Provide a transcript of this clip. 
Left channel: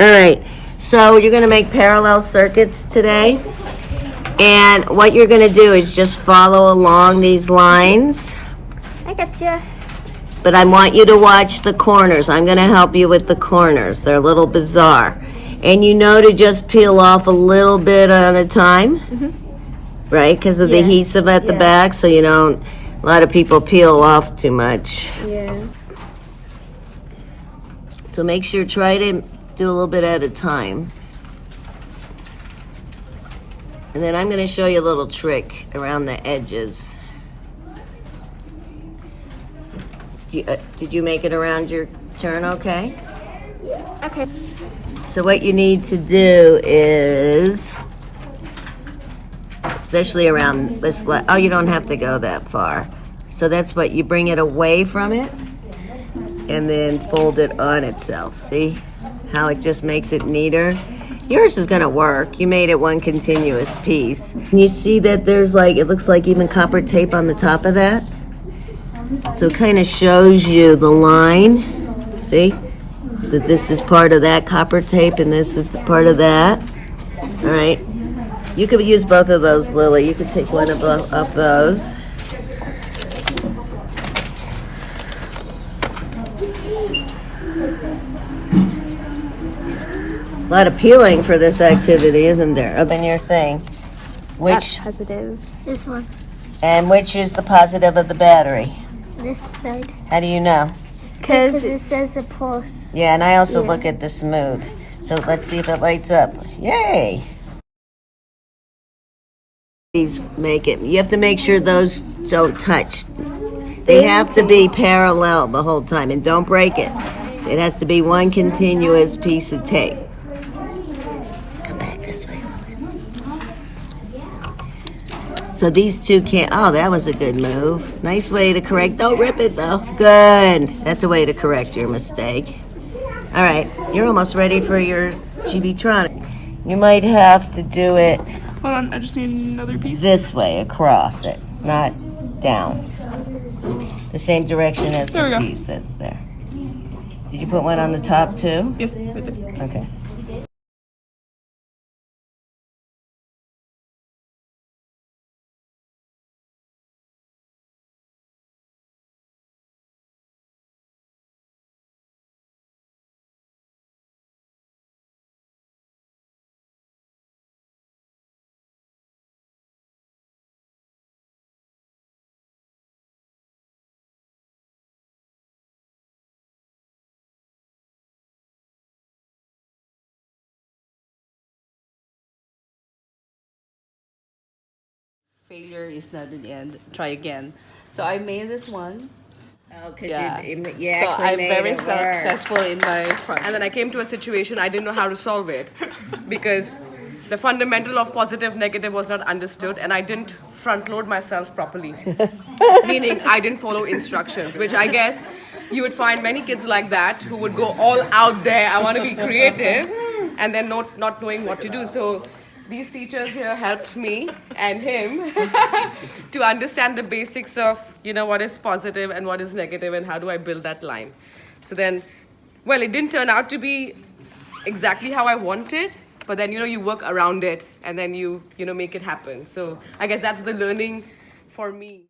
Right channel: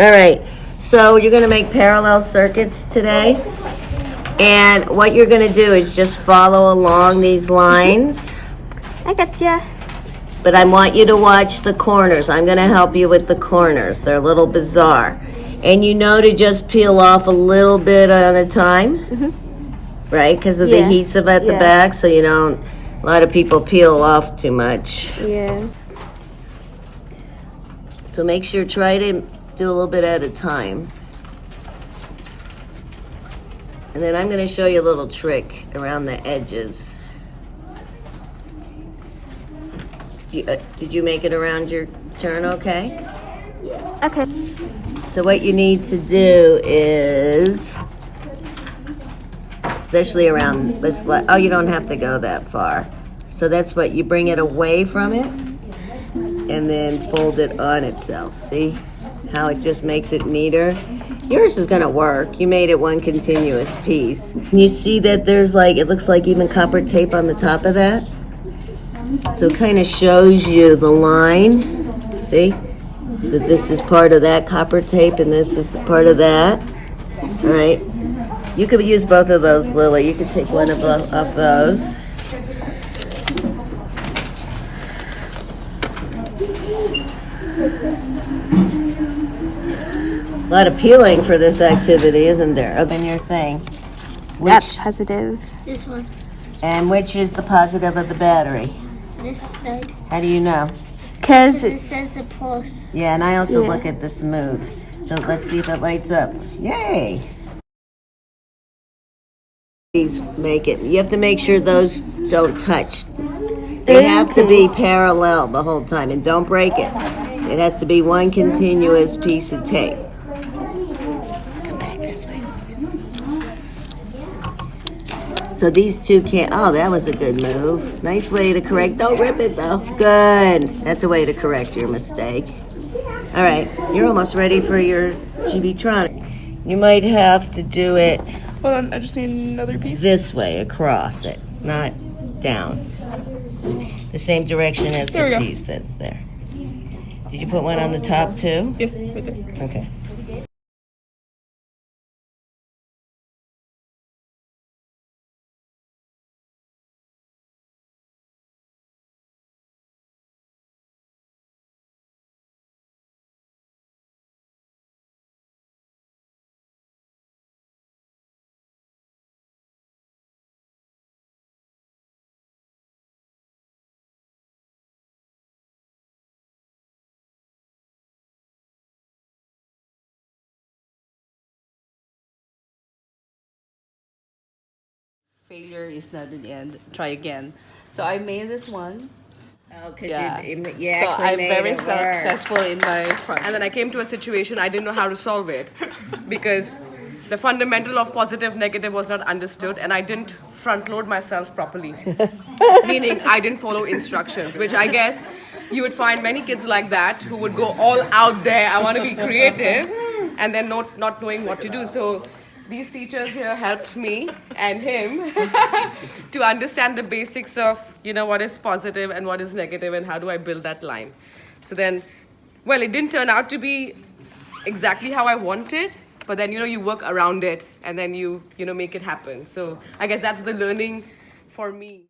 All right, so you're gonna make parallel circuits today. And what you're gonna do is just follow along these lines. I gotcha. But I want you to watch the corners. I'm gonna help you with the corners. They're a little bizarre. And you know to just peel off a little bit at a time, right? Because of the adhesive at the back, so you don't, a lot of people peel off too much. Yeah. So make sure, try to do a little bit at a time. And then I'm gonna show you a little trick around the edges. Did you make it around your turn okay? Yeah. Okay. So what you need to do is, especially around this, oh, you don't have to go that far. So that's what, you bring it away from it and then fold it on itself. See how it just makes it neater? Yours is gonna work. You made it one continuous piece. You see that there's like, it looks like even copper tape on the top of that? So it kind of shows you the line, see? That this is part of that copper tape and this is part of that. All right. You could use both of those, Lily. You could take one of those. A lot of peeling for this activity, isn't there? Other than your thing. That's positive. This one. And which is the positive of the battery? This side. How do you know? Because It says a plus. Yeah, and I also look at the smooth. So let's see if it lights up. Yay! These make it. You have to make sure those don't touch. They have to be parallel the whole time, and don't break it. It has to be one continuous piece of tape. Come back this way. So these two can't, oh, that was a good move. Nice way to correct, don't rip it though. Good, that's a way to correct your mistake. All right, you're almost ready for your Chibitronic. You might have to do it hold on, I just need another piece. this way, across it, not down. The same direction as the piece that's there. Did you put one on the top too? Yes, right there. Okay. Failure is not the end. Try again. So I made this one. Oh, because Yeah. you So actually I'm made very it work. successful in my project. And then I came to a situation I didn't know how to solve it because the fundamental of positive negative was not understood and I didn't front load myself properly. Meaning I didn't follow instructions, which I guess you would find many kids like that who would go all out there, I want to be creative, and then not knowing what to do. So these teachers here helped me and him to understand the basics of, what is positive and what is negative and how do I build that line. So then, well, it didn't turn out to be exactly how I wanted, but then, you work around it and then you make it happen. So I guess that's the learning for me.